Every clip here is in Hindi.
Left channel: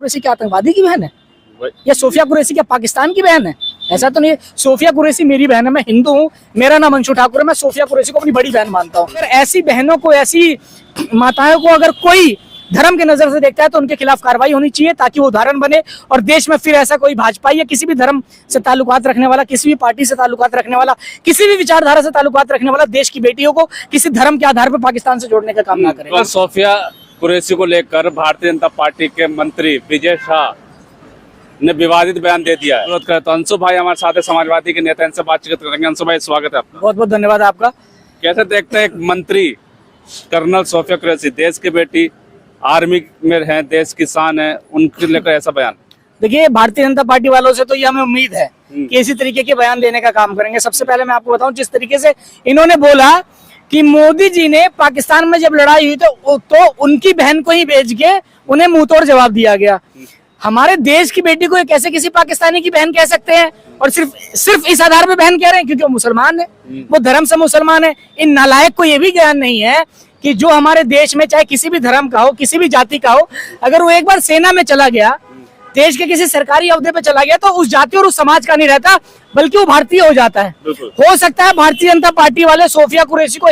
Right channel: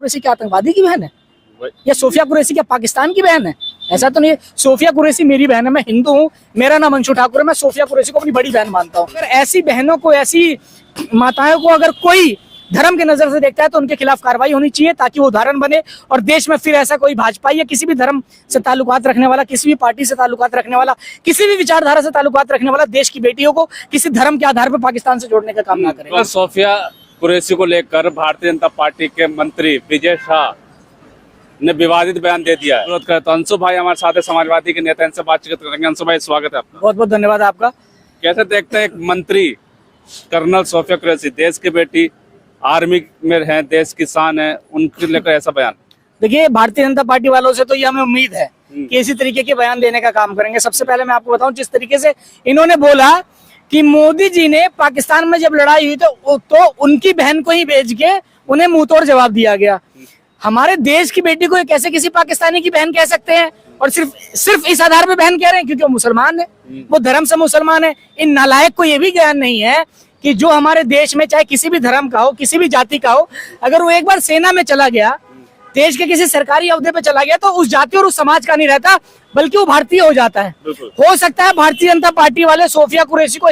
कुरैशी क्या आतंकवादी की बहन है? या सोफिया कुरैशी क्या पाकिस्तान की बहन है? ऐसा तो नहीं है। सोफिया कुरैशी मेरी बहन है, मैं हिंदू हूँ, मेरा नाम अंशु ठाकुर है, मैं सोफिया कुरैशी को अपनी बड़ी बहन मानता हूँ। अगर ऐसी बहनों को, ऐसी माताओं को अगर कोई धर्म के नजर से देखता है तो उनके खिलाफ कार्रवाई होनी चाहिए, ताकि वो उदाहरण बने और देश में फिर ऐसा कोई भाजपा या किसी भी धर्म से ताल्लुकात रखने वाला, किसी भी पार्टी से ताल्लुकात रखने वाला, किसी भी विचारधारा से ताल्लुकात रखने वाला देश की बेटियों को किसी धर्म के आधार पर पाकिस्तान से जोड़ने का काम ना करे। और सोफिया कुरैशी को लेकर भारतीय जनता पार्टी के मंत्री विजय शाह ने विवादित बयान दे दिया है। तो अंशु भाई हमारे साथ समाजवादी के नेता, इनसे बातचीत करेंगे। अंशु भाई स्वागत है आपका। बहुत बहुत धन्यवाद आपका। कैसे देखते हैं एक मंत्री कर्नल सोफिया कुरैशी, देश की बेटी, आर्मी में है, देश की शान है, उनके लेकर ऐसा बयान? देखिए, भारतीय जनता पार्टी वालों से तो ये हमें उम्मीद है कि इसी तरीके के बयान देने का काम करेंगे। सबसे पहले मैं आपको बताऊं, जिस तरीके से इन्होंने बोला कि मोदी जी ने पाकिस्तान में जब लड़ाई हुई तो उनकी बहन को ही भेज के उन्हें मुंहतोड़ जवाब दिया गया। हमारे देश की बेटी को कैसे किसी पाकिस्तानी की बहन कह सकते हैं? और सिर्फ इस आधार पे बहन कह रहे हैं क्योंकि वो मुसलमान है, वो धर्म से मुसलमान है। इन नालायक को ये भी ज्ञान नहीं है कि जो हमारे देश में चाहे किसी भी धर्म का हो, किसी भी जाति का हो, अगर वो एक बार सेना में चला गया, देश के किसी सरकारी ओहदे पे चला गया, तो उस जाति और उस समाज का नहीं रहता, बल्कि वो भारतीय हो जाता है। हो सकता है भारतीय जनता पार्टी वाले सोफिया कुरैशी को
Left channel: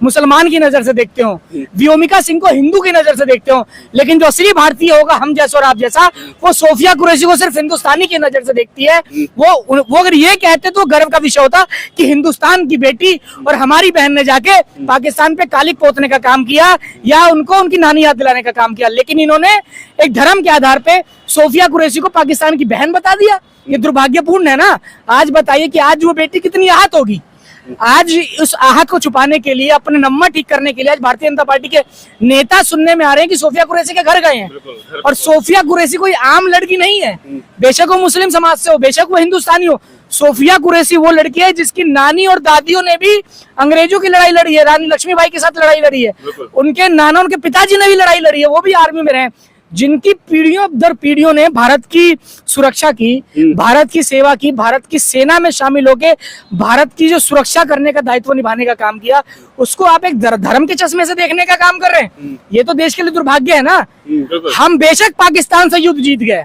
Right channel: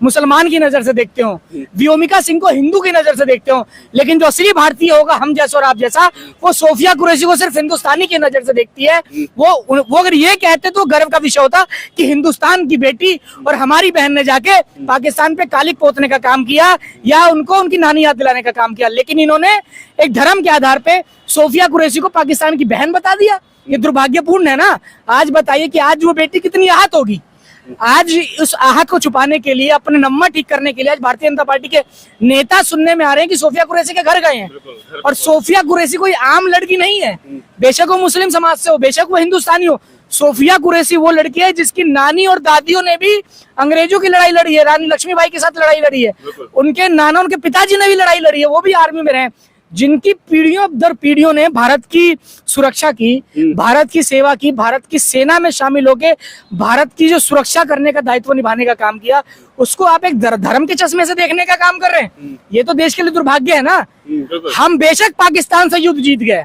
मुसलमान की नजर से देखते हो, व्योमिका सिंह को हिंदू की नजर से देखते हो, लेकिन जो असली भारतीय होगा, हम जैसा और आप जैसा, वो सोफिया कुरैशी को सिर्फ हिंदुस्तानी की नजर से देखती है। वो अगर ये कहते तो गर्व का विषय होता कि हिंदुस्तान की बेटी और हमारी बहन ने जाके पाकिस्तान पे कालिक पोतने का काम किया या उनको उनकी नानी याद दिलाने का काम किया, लेकिन इन्होंने एक धर्म के आधार पे सोफिया कुरैशी को पाकिस्तान की बहन बता दिया। ये दुर्भाग्यपूर्ण है ना। आज बताइए कि आज वो बेटी कितनी आहत होगी। आज उस आहत को छुपाने के लिए, अपने नंबर ठीक करने के लिए, आज भारतीय जनता पार्टी के नेता सुनने में आ रहे हैं कि सोफिया कुरैशी के घर गए हैं। और सोफिया कुरैशी कोई आम लड़की नहीं है, बेशक वो मुस्लिम समाज से हो, बेशक वो हिंदुस्तानी हो। सोफिया कुरैशी वो लड़की है जिसकी नानी और दादियों ने भी अंग्रेजों की लड़ाई लड़ी है, रानी लक्ष्मीबाई के साथ लड़ाई लड़ी है, उनके नाना, उनके पिताजी ने भी लड़ाई लड़ी है, वो भी आर्मी में रहे, जिनकी पीढ़ियों दर पीढ़ियों ने भारत की सुरक्षा की, भारत की सेवा की, भारत की सेना में शामिल होकर भारत की जो सुरक्षा करने का दायित्व निभाने का काम किया, उसको आप एक धर्म के चश्मे से देखने का काम कर रहे हैं। ये तो देश के लिए दुर्भाग्य है ना। हम बेशक पाकिस्तान से युद्ध जीत गए,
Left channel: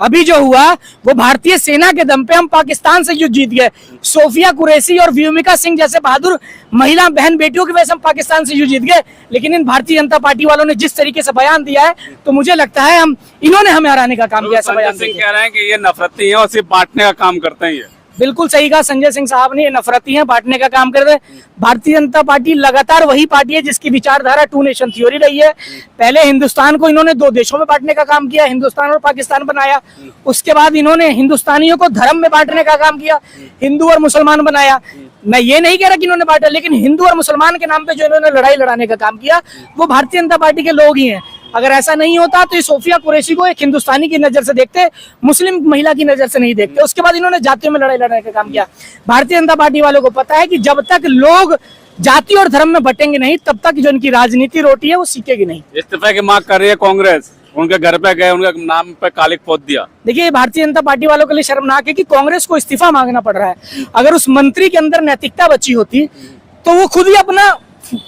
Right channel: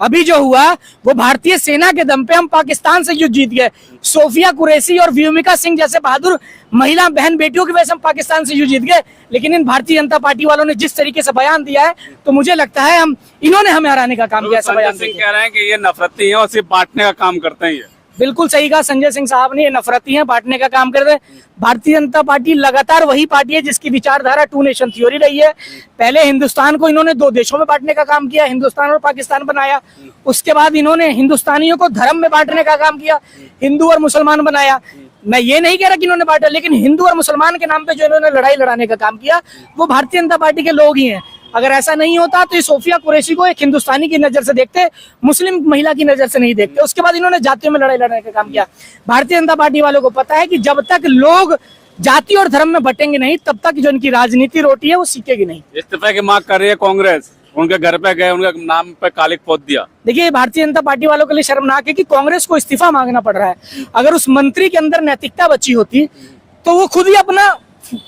अभी जो हुआ वो भारतीय सेना के दम पे हम पाकिस्तान से युद्ध जीत गए। सोफिया कुरैशी और व्योमिका सिंह जैसे बहादुर महिला बहन बेटियों की वजह से हम पाकिस्तान से युद्ध जीत गए। लेकिन इन भारतीय जनता पार्टी वालों ने जिस तरीके से बयान दिया है, तो मुझे लगता है इन्होंने हमें हराने का काम किया। संजय सिंह कह रहे हैं कि ये नफरती है और सिर्फ बांटने का काम करते हैं। बिल्कुल सही कहा संजय सिंह साहब ने, नफरती हैं, बांटने का काम कर रहे हैं। भारतीय जनता पार्टी लगातार वही पार्टी है जिसकी विचारधारा टू नेशन थ्योरी रही है। पहले हिंदुस्तान को इन्होंने दो देशों में बांटने का काम किया, हिंदुस्तान और पाकिस्तान बनाया। उसके बाद इन्होंने हिंदुस्तानियों को धर्म में बांटने का काम किया, हिंदू और मुसलमान बनाया। मैं ये नहीं कह रहा कि इन्होंने बांटा, लेकिन हिंदू और मुसलमान के नाम पे जो इन्होंने लड़ाई लड़ाने का काम किया, वो भारतीय जनता पार्टी के लोग ही हैं। अगर ऐसा नहीं होता तो ये सोफिया कुरैशी को एक हिंदुस्तानी की नजर से देखते, मुस्लिम महिला की नजर से नहीं देखते। उसके बाद इन्होंने जातियों में लड़ाई लड़ने का काम किया। भारतीय जनता पार्टी वालों को पता है कि जब तक लोग जाति और धर्म में बटेंगे नहीं, तब तक जो इनकी राजनीति रोटी है वो सीखेगी नहीं। इस्तीफे की मांग कर रही है कांग्रेस, उनके घर पे गए, उनके नाम पे कालिक पोत दिया। देखिए, भारतीय जनता पार्टी वालों के लिए शर्मनाक है कि कांग्रेस को इस्तीफा मांगना पड़ रहा है। अगर उस मंत्री के अंदर नैतिकता बची होती तो वो खुद ही अपना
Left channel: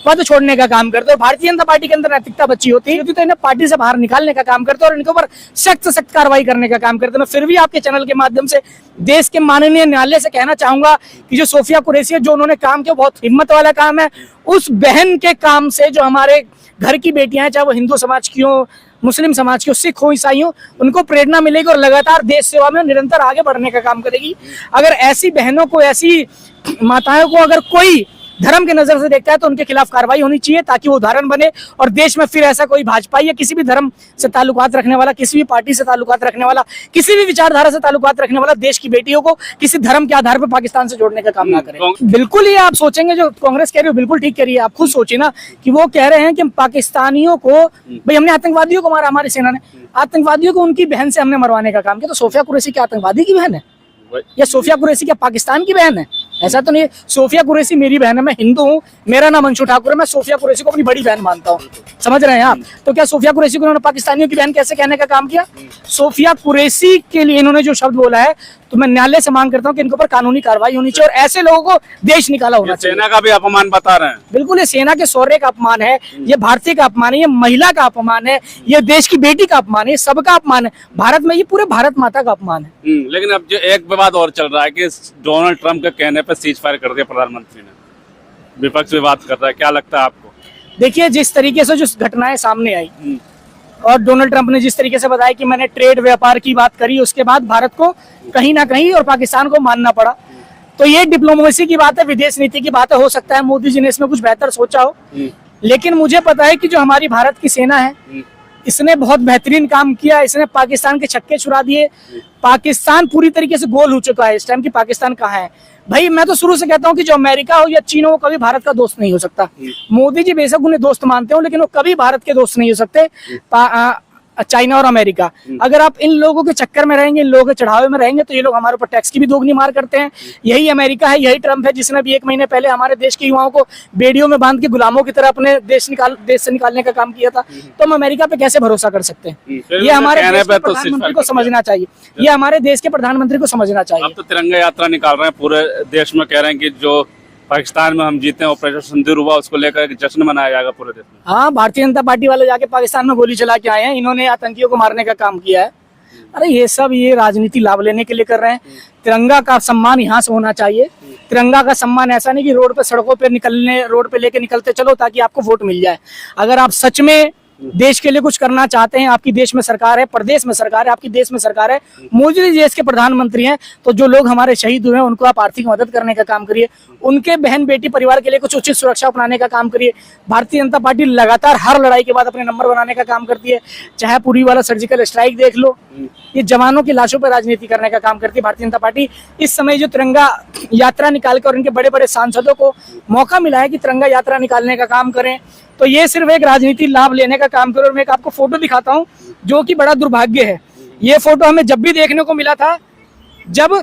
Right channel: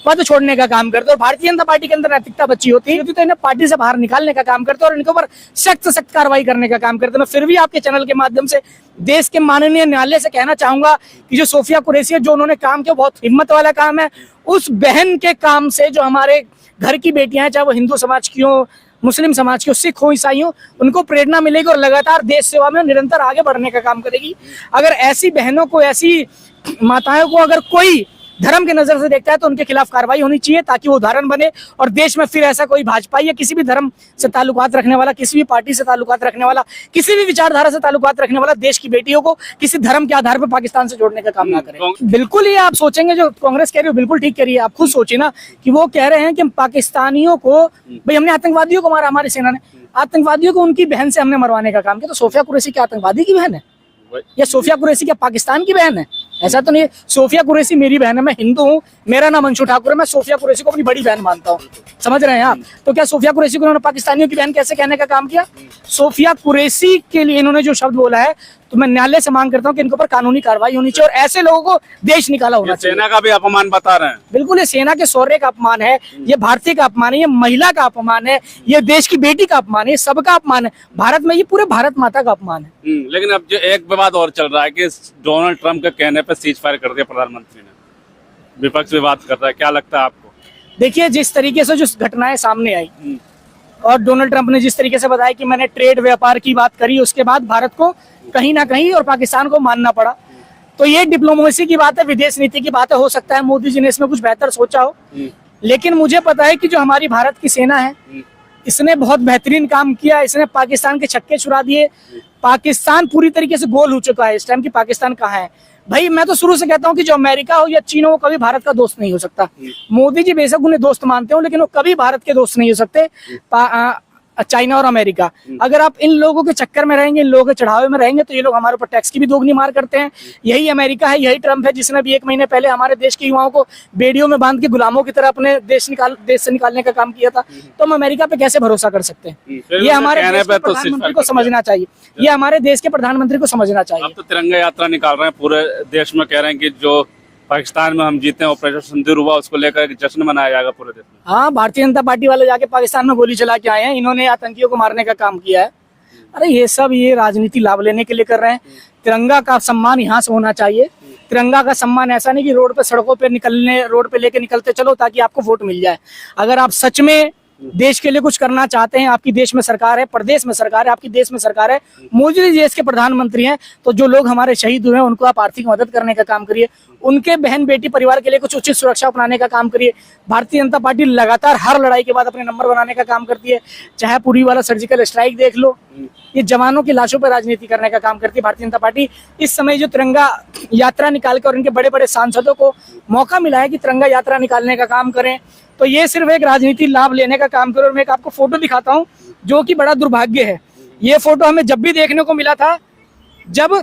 पद छोड़ने का काम करते, और भारतीय जनता पार्टी के अंदर नैतिकता बची होती है तो इन्हें पार्टी से बाहर निकालने का काम करते और इनके ऊपर सख्त कार्रवाई करने का काम करते। मैं फिर भी आपके चैनल के माध्यम से देश के माननीय न्यायालय से कहना चाहूंगा कि जो सोफिया कुरैशी है, जो उन्होंने काम किया, बहुत हिम्मत वाला काम है। उस बहन के काम से जो हमारे घर की बेटियां हैं, चाहे वो हिंदू समाज की हो, मुस्लिम समाज की हो, सिख हो, ईसाई हो, उनको प्रेरणा मिलेगी और लगातार देश सेवा में निरंतर आगे बढ़ने का काम करेगी। अगर ऐसी बहनों को, ऐसी माताओं को अगर कोई धर्म के नजर से देखता है तो उनके खिलाफ कार्रवाई होनी चाहिए, ताकि वो उदाहरण बने और देश में फिर ऐसा कोई भाजपा या किसी भी धर्म से ताल्लुकात रखने वाला, किसी भी पार्टी से ताल्लुकात रखने वाला, किसी भी विचारधारा से ताल्लुकात रखने वाला देश की बेटियों को किसी धर्म के आधार पर पाकिस्तान से जोड़ने का काम ना करे। बिल्कुल ये आप सोचेंगे जो कांग्रेस कह रही हो, बिल्कुल ठीक कह रही है। आप खुद सोचिए ना कि वो कह रहे हैं कि पाकिस्तानियों को, भाई हमने आतंकवादियों को मारा, हमारी सेना ने आतंकवादियों को उनकी बहन से हमने मरवाने का काम किया। तो सोफिया कुरैशी क्या आतंकवादी की बहन है? या सोफिया कुरैशी क्या पाकिस्तान की बहन है? ऐसा तो नहीं है। सोफिया कुरैशी मेरी बहन है, मैं हिंदू हूँ, मेरा नाम अंशु ठाकुर है, मैं सोफिया कुरैशी को अपनी बड़ी बहन मानता हूँ। समझ रहे हैं आप? तो क्या सोफिया कुरैशी को उन्होंने पाकिस्तानियों की बहन कैसे कहने का काम किया? सोफिया कुरैशी के लिए इन्होंने जो शब्द बोला है तो मैं न्यायालय से मांग करता हूँ कि इनके ऊपर कानूनी कार्रवाई होनी चाहिए और ऐसे लोगों को देश निकाला होना चाहिए। सेना का भी अपमान बता रहे हैं। बिल्कुल, ये सेना के शौर्य का अपमान है, ये भारतीय का अपमान है, ये महिला का अपमान है, ये देश की बेटी का अपमान है, ये सबका अपमान है। भारत में ये पूरे भारत माता का अपमान है। लेकिन अब जो एक विवाद और चल रहा है कि डोनाल्ड ट्रंप के कहने पर सीज फायर कर दिया प्रधानमंत्री ने, विपक्ष विवाद कर रहा है, क्या लगता है आपको? देखिए, जिस तरीके से जो घटनाएं सामने आई और डोनाल्ड ट्रंप ने जिस तरीके से बताया कि मैंने ट्रेड व्यापार की बात करी, उसके बाद भारत को कहीं ना कहीं और पाकिस्तान को मानना पड़ा, तो ये डिप्लोमेसी की बात है, विदेश नीति की बात है। हो सकता है मोदी जी ने इसमें कुछ बेहतर सोचा हो, लेकिन मुझे पता है कि जो हमारी भारत की सेना है इसने बहुत बेहतरीन काम किया। इसने पाकिस्तान के छक्के छुड़ा दिए। पाकिस्तान पूरी तरीके से गोल हो चुका है इस टाइम कि पाकिस्तान कहाँ है। भाई, मैं तो शुरू से कहता हूँ कि जो अमेरिका हो या चीन हो, वो कभी भारत का दोस्त नहीं हो सकता। मोदी जी बेशक उन्हें दोस्त मानते हो, लेकिन वो कभी भारत के दोस्त नहीं हो सकते। चाइना और अमेरिका, अगर आप इन लोगों के चक्कर में रहेंगे, इन लोगों के चढ़ावे में रहेंगे, तो ये लोग हमारे ऊपर टैक्स की भी दोगुनी मार करते हैं। यही अमेरिका है, यही ट्रंप है, जिसने भी 1 महीने पहले हमारे देश के युवाओं को बेड़ियों में बांध के गुलामों की तरह अपने देश से निकालने का काम किया था। तो हम अमेरिका पे कैसे भरोसा कर सकते हैं? ये हमारे देश के प्रधानमंत्री को समझना चाहिए। ये हमारे देश के प्रधानमंत्री को समझना चाहिए। अब तो तिरंगा यात्रा निकाल रहे हैं पूरे देश में, कह रहे हैं कि जो पाकिस्तान में हम जीते हैं, ऑपरेशन सिंदूर हुआ, उसको लेकर एक जश्न मनाया जाएगा पूरे देश में। हाँ, भारतीय जनता पार्टी वाले जाके पाकिस्तान में गोली चला के आए हैं, इन्होंने आतंकियों को मारने का काम किया है। अरे ये सब ये राजनीति लाभ लेने के लिए कर रहे हैं। तिरंगा का सम्मान यहाँ से होना चाहिए। तिरंगा का सम्मान ऐसा नहीं कि रोड पे सड़कों पे निकलने, रोड पे लेके निकलते चलो ताकि आपको वोट मिल जाए। अगर आप सच में देश के लिए कुछ करना चाहते हैं, आपकी देश में सरकार है, प्रदेश में सरकार है, आपकी देश में सरकार है, मोदी जी देश के प्रधानमंत्री हैं, तो जो लोग हमारे शहीद हुए हैं उनको आप आर्थिक मदद करने का काम करिए। उनके बहन बेटी परिवार के लिए कुछ उचित सुरक्षा अपनाने का काम करिए। भारतीय जनता पार्टी लगातार हर लड़ाई के बाद अपने नंबर बनाने का काम करती है। चाहे पूरी वाला सर्जिकल स्ट्राइक देख लो, ये जवानों की लाशों पर राजनीति करने का काम करती है भारतीय जनता पार्टी। इस समय जो तिरंगा यात्रा निकालकर उनके बड़े बड़े सांसदों को मौका मिला है कि तिरंगा यात्रा निकालने का काम करें, तो ये सिर्फ एक राजनीति लाभ लेने का काम करो। मैं आपको फोटो दिखाता हूँ जो कि बड़ा दुर्भाग्य है। ये फोटो हमें जब भी देखने को मिला था जब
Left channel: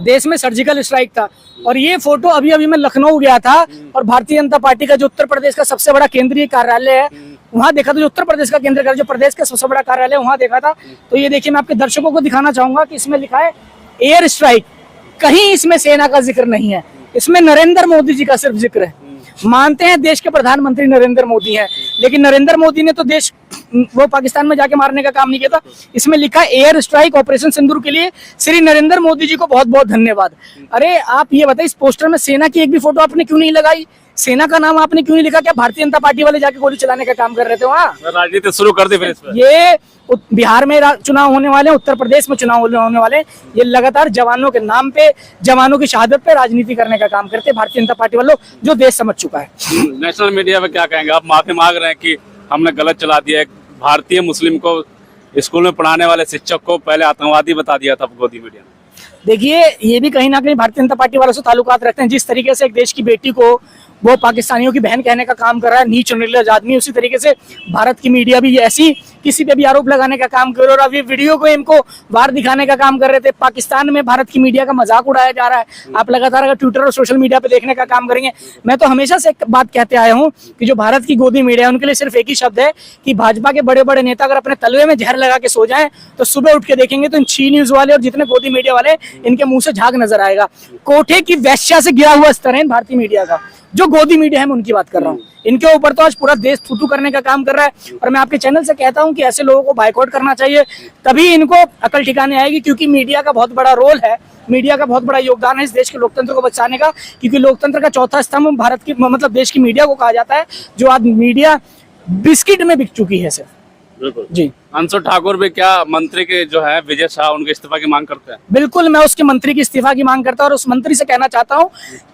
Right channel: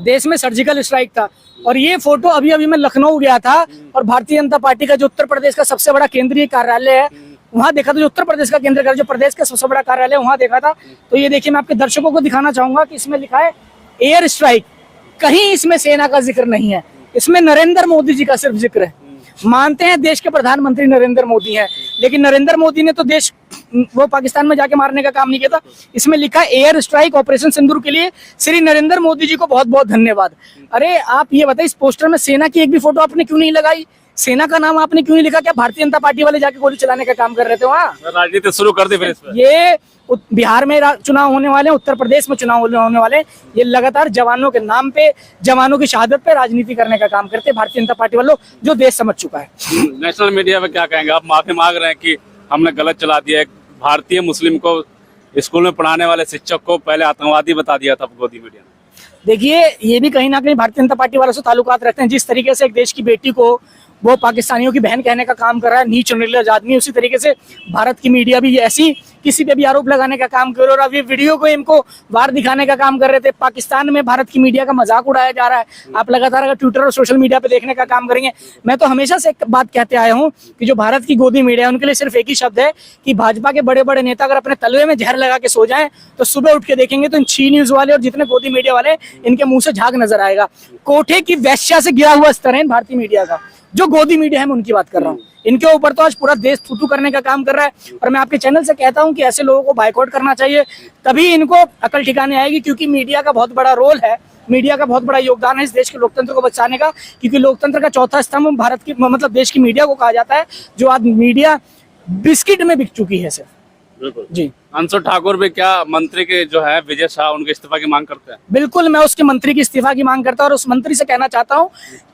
देश में सर्जिकल स्ट्राइक था, और ये फोटो अभी अभी मैं लखनऊ गया था और भारतीय जनता पार्टी का जो उत्तर प्रदेश का सबसे बड़ा केंद्रीय कार्यालय है वहां देखा था। जो उत्तर प्रदेश का केंद्रीय कार्यालय, जो प्रदेश का सबसे बड़ा कार्यालय वहां देखा था। तो ये देखिए, मैं आपके दर्शकों को दिखाना चाहूंगा कि इसमें लिखा है एयर स्ट्राइक। कहीं इसमें सेना का जिक्र नहीं है, इसमें नरेंद्र मोदी जी का सिर्फ जिक्र है। मानते हैं देश के प्रधानमंत्री नरेंद्र मोदी हैं, लेकिन नरेंद्र मोदी ने तो देश वो पाकिस्तान में जाके मारने का काम नहीं किया था। इसमें लिखा है एयर स्ट्राइक ऑपरेशन सिंदूर के लिए श्री नरेंद्र मोदी जी को बहुत बहुत धन्यवाद। अरे आप ये बताइए, इस पोस्टर में सेना की एक भी फोटो आपने क्यों नहीं लगाई? सेना का नाम आपने क्यों नहीं लिखा? क्या भारतीय जनता पार्टी वाले जाके गोली चलाने का काम कर रहे थे वहाँ? राजनीति शुरू कर दी फिर इस पर। ये बिहार में चुनाव होने वाले, उत्तर प्रदेश में चुनाव होने वाले, ये लगातार जवानों के नाम पे, जवानों की शहादत पे राजनीति करने का काम करते हैं भारतीय जनता पार्टी वालों, जो देश समझ चुका है। नेशनल मीडिया में क्या कहेंगे आप? माफी मांग रहे हैं कि हमने गलत चला दिया। एक भारतीय मुस्लिम को स्कूल में पढ़ाने वाले शिक्षक को पहले आतंकवादी बता दिया था गोदी मीडिया ने। देखिए, ये भी कहीं ना कहीं भारतीय जनता पार्टी वालों से ताल्लुकात रखते हैं। जिस तरीके से एक देश की बेटी को वो पाकिस्तानियों की बहन कहने का काम कर रहा है, नीच और निर्लज आदमी, उसी तरीके से भारत की मीडिया भी ऐसी किसी पे भी आरोप लगाने का काम कर रहा है। और अभी वीडियो को इनको बाहर दिखाने का काम कर रहे थे। पाकिस्तान में भारत की मीडिया का मजाक उड़ाया जा रहा है। आप लगातार अगर ट्विटर और सोशल मीडिया पे देखने का काम करेंगे, मैं तो हमेशा से एक बात कहते आया हूँ कि जो भारत की गोदी मीडिया है उनके लिए सिर्फ एक ही शब्द है कि भाजपा के बड़े बड़े नेता अगर अपने तलवे में जहर लगा के सो जाए तो सुबह उठ के देखेंगे तो इन छी न्यूज वाले और जितने गोदी मीडिया वाले, इनके मुंह से झाग नजर आएगा। कोठे की वेश्या से गिरा हुआ स्तर है भारतीय मीडिया का। जो गोदी मीडिया है मैं उनकी बात कर रहा हूँ। इनके ऊपर तो आज पूरा देश थूथू करने का काम कर रहा है। और मैं आपके चैनल से कहता हूँ कि ऐसे लोगों को बाइकआउट करना चाहिए, तभी इनको अकल ठिकाने आएगी। क्योंकि मीडिया का बहुत बड़ा रोल है, मीडिया का बहुत बड़ा योगदान है इस देश के लोकतंत्र को बचाने का। क्योंकि लोकतंत्र का चौथा स्तंभ भारत की, मतलब देश की मीडिया को कहा जाता है, जो आज मीडिया बिस्किट में बिक चुकी है सिर्फ। बिल्कुल जी। अंशु ठाकुर भी क्या मंत्री के जो है विजय शाह, उनके इस्तीफा की मांग करते हैं? बिल्कुल, मैं उसके मंत्री की इस्तीफा की मांग करता हूं और उस मंत्री से कहना चाहता हूं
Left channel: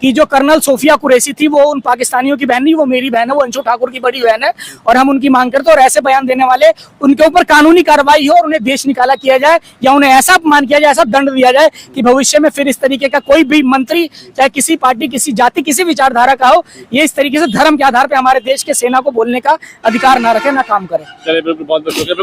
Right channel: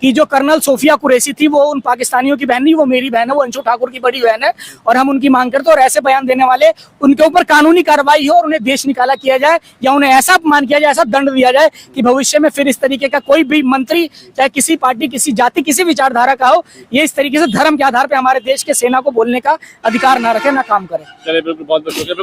कि जो कर्नल सोफिया कुरैशी थी वो उन पाकिस्तानियों की बहन नहीं, वो मेरी बहन है, वो अंशु ठाकुर की बड़ी बहन है। और हम उनकी मांग करते हैं और ऐसे बयान देने वाले उनके ऊपर कानूनी कार्रवाई हो और उन्हें देश निकाला किया जाए, या उन्हें ऐसा अपमान किया जाए, ऐसा दंड दिया जाए कि भविष्य में फिर इस तरीके का कोई भी मंत्री, चाहे किसी पार्टी, किसी जाति, किसी विचारधारा का हो, ये इस तरीके से धर्म के आधार पर हमारे देश के सेना को बोलने का अधिकार ना रखे, ना काम करे। चलिए, बिल्कुल, बहुत बहुत शुक्रिया।